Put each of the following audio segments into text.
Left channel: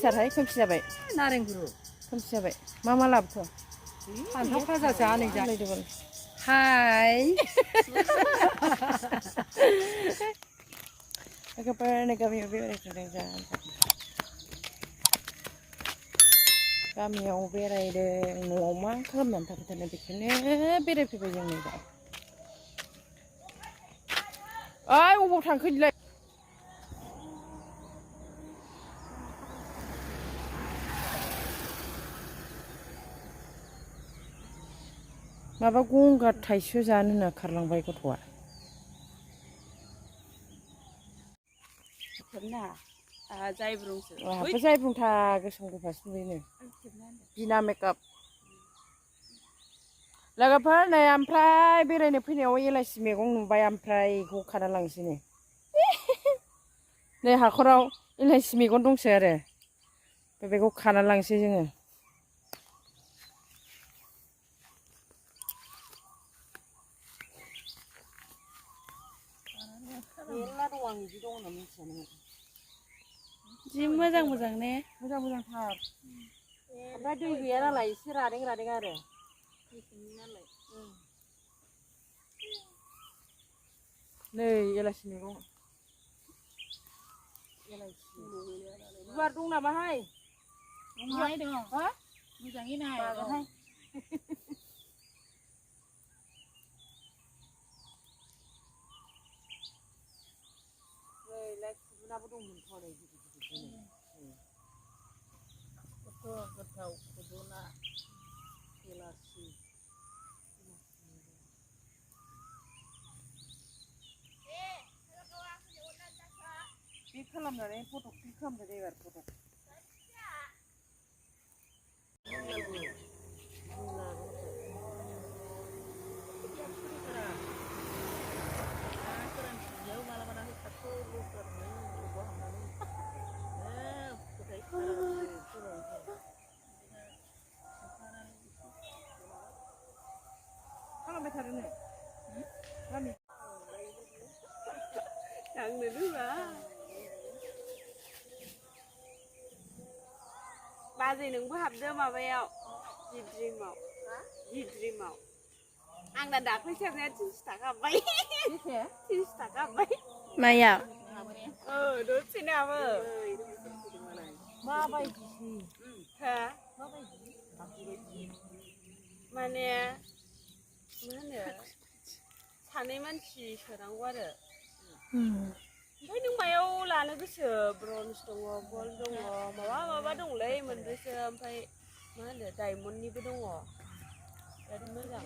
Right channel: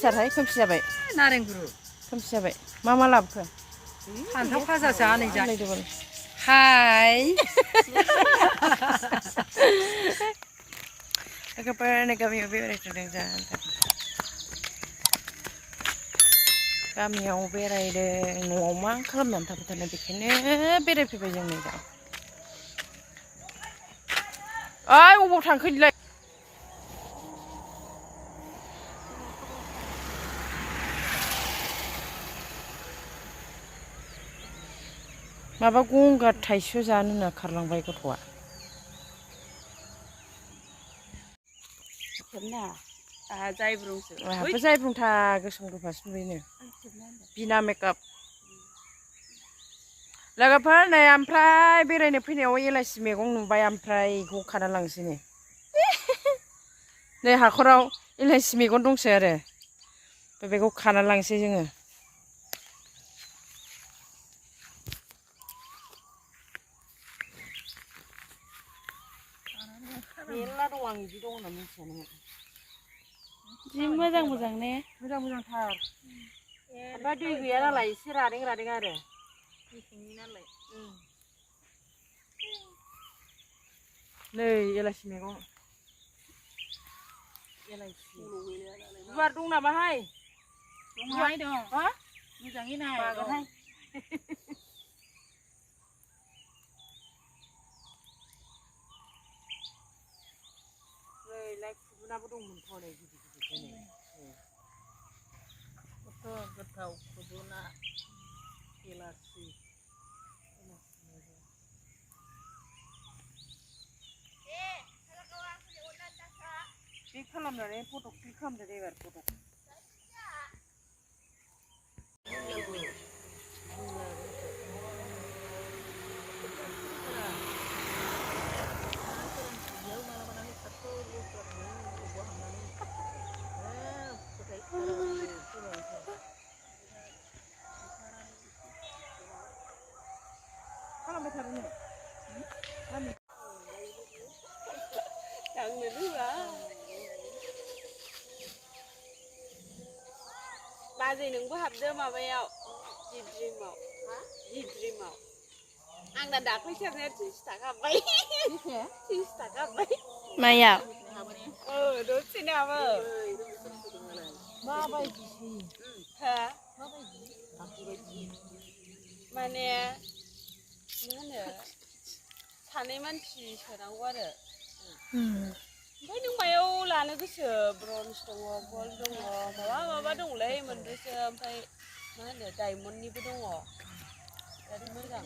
खोमसिथारहाय खोमसि जाबाय नारें गुरु खोमसि जाबाय मा लाबोखो फान्थाव फाजासो आनै जा नायदोबाल हाय लोगोफोर गामियाव बेरायथारदों जा गामियाव बेरायदों न'आव मा खालामनानै थाबाय थानो बेखायनो बेरायफैबाय जों नै दा ओइ अबाव थांखो नोंलाय माबा गंगार थाइसेल' जानो होनना खारलांबाय गथ'आ आहाबो जायब्रुंथा गोसोम गोफासो नुयोनो बिना मेकआप लोगोफोर नै ओमफ्राय बेरायनो फैनायाव एलाइसि मैगं नुबाय ओमफ्राय बेखौ खाना लांसै नै हाखराव एलाइसि मैगं दंसो आरो बेखौ खाना लांसै जोङो मेरला दं आं बिदि दं होनना मिथियानोमोन जि मोजां मोजां ने मोजांथार ओमफ्राय दै गैया नालाय एसे रादें आरो मेसेंनि नालाय नै एलाइसि मैगं एलाइसि गुवार दं नामाहाय दंहाय दं हा मोजाङै नाय बागोनहाय लाइ खुदुनाबो दंमोनथ' नै गिदिर खथ' गोथाव खुदुना एलासि क्लिक खालामनानै फट' क्लिक खालामदो दे एबार फट' खालामबाय थादो नै आंनो रोङा बाजै नोंबो हाबदो माबायाव जिद्रिमाव आंना दाख्लै सेरनाया 30 थाखा हाबबाय 30 थाखा हाबबाय माया दसेनो हाबो माबायदिसो हा माबायदि माने मा होनो सानै मानसि सोनांगौ आरो ओमफ्राय नों मायाव लानो गोसो ब्रन्ज दङ गल्ड दङ माबा दंलै मोनब्रैसो ओमफ्राय मा होनो डायमन्डनिबो दङ बिराद मोजां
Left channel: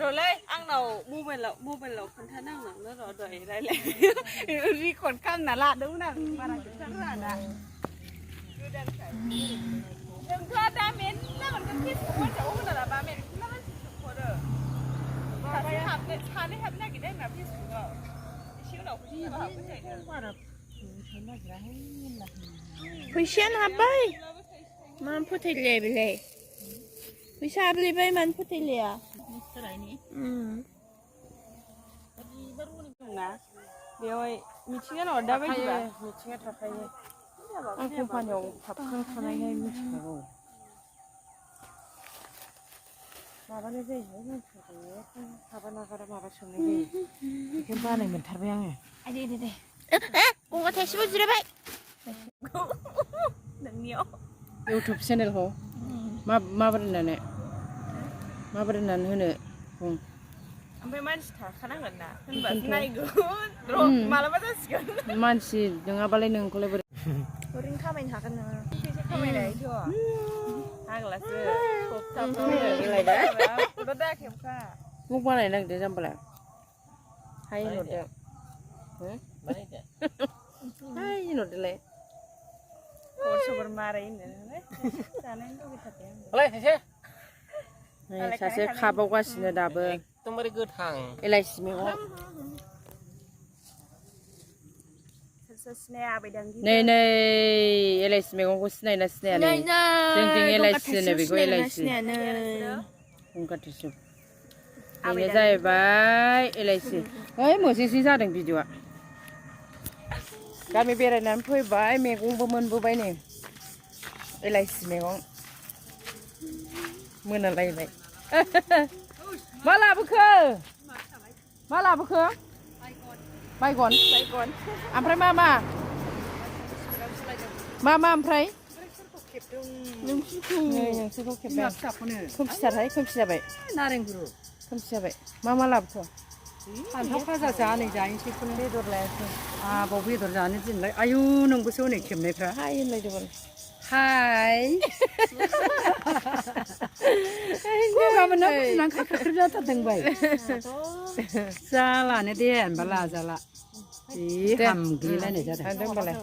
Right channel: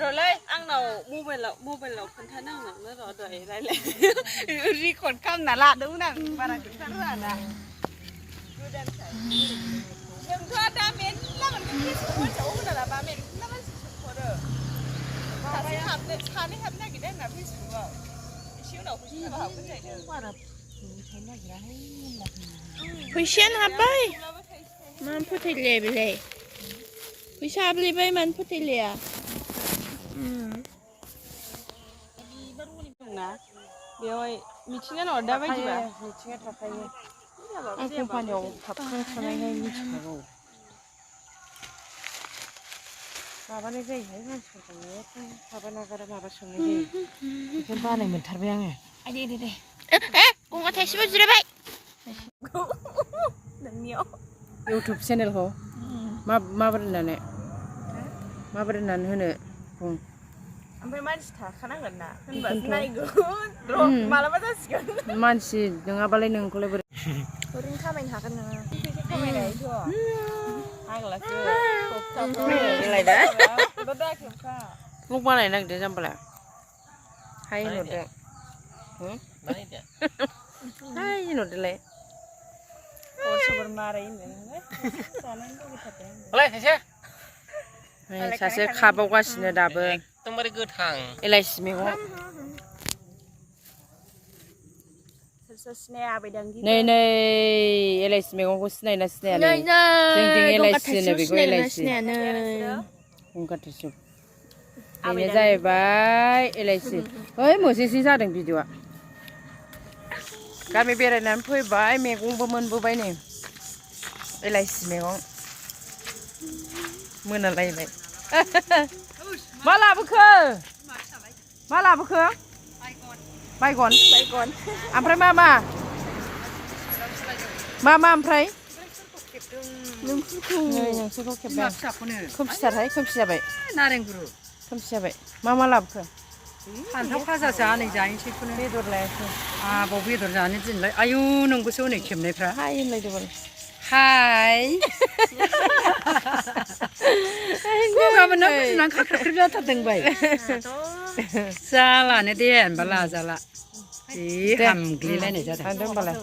र'लै आंनाव मबाइलाव खोन्थानो आंनावनो र' दहाय रायलाय रेकर्ड खालामना लादोंमोन आं बारा खोन्थानो रोङा जोंथ' दा मेरला मोनगोन फेसबुक मानसियाव होना लाबा मेरला मानसि सोंहरो सानै हाबनो नागिरदों आंना फेसबुकआव एसे उनाव फैसा हाबगोन जाहैदों बारा फैसानो नागिराहाय मेरला फैसायानो हाबबाय मानो फोथायलाया बेलाय फैसा हाबलायबाय मानो फोथायलाया दंना बेवहाय मिथिंगा नङा दा बायदिबा मिथिंगा थाखायो आं कम्पानियाव थाबथानाय थानायहाय मिथिखागौ माबानाय जायोहाय मानसिफोरखौ खायबा नागारा माबा सोंनाय जायो बेखौनो बानाय मोनथारबाय आङो दे गंगार थाइसेबो जिरायबाय नोंनियाव इउटुब चेनेलखौ माबोरै होननानै होनो बुं ओमफ्राय मानसि थाखानांगोन ना होनबासो नायगोन मालाबा जासिगोन मानसि नङाबालाय नोंखौलाय बोरै ओरैनो खामायनो हागोन नोङो फैसा खामायनायथ' आगलासो एलाय दा दा खेबखा ब्लग बानायनो नागिरदों जाम्बालाय हाय होनहरदो हाय होनहरदोलाय खबर मारै जानायनि लुबैथारदों सासे खाबावगासिनो दाबो एकदमबारे गोथां एलाइसि मैगं सिनाया आबैदांगि नै एलाइसि मैगंखौ सिनायना सिनाया नै जोंथिं एलाइसि होनो बेखौ एलाइसि गंगार थाइसुम बेनो जाहैबाय एलाइसि ओइ मोजेजे जादों भिडिअ'आ गामि बेरायनानै फैबाय मैगंबो मोनबोबाय नै एलाइसि मैगं मोनालायबाय मा लाबोखो बायगन ओमफ्राय मा ओमफ्राय नोंसोरखौ खेबदों खोमसि जाबाय नारें गुरु खोमसि जाबाय मा लाबोखो फान्थाव फाजासो आनै जाहैसैखौनो बेदर लायाखै आबाव बेदर जानो दिनलाय आयु नोंगौसो हनै खेबनायफ्रा हाय होनलायदोबाल हाय गगा मोनना गुजुनानै खाख्राख्रि जाथारदों बाय जालानो दे होनबा लाजाला जि हामग्लिलायनाय जादों होमबालाय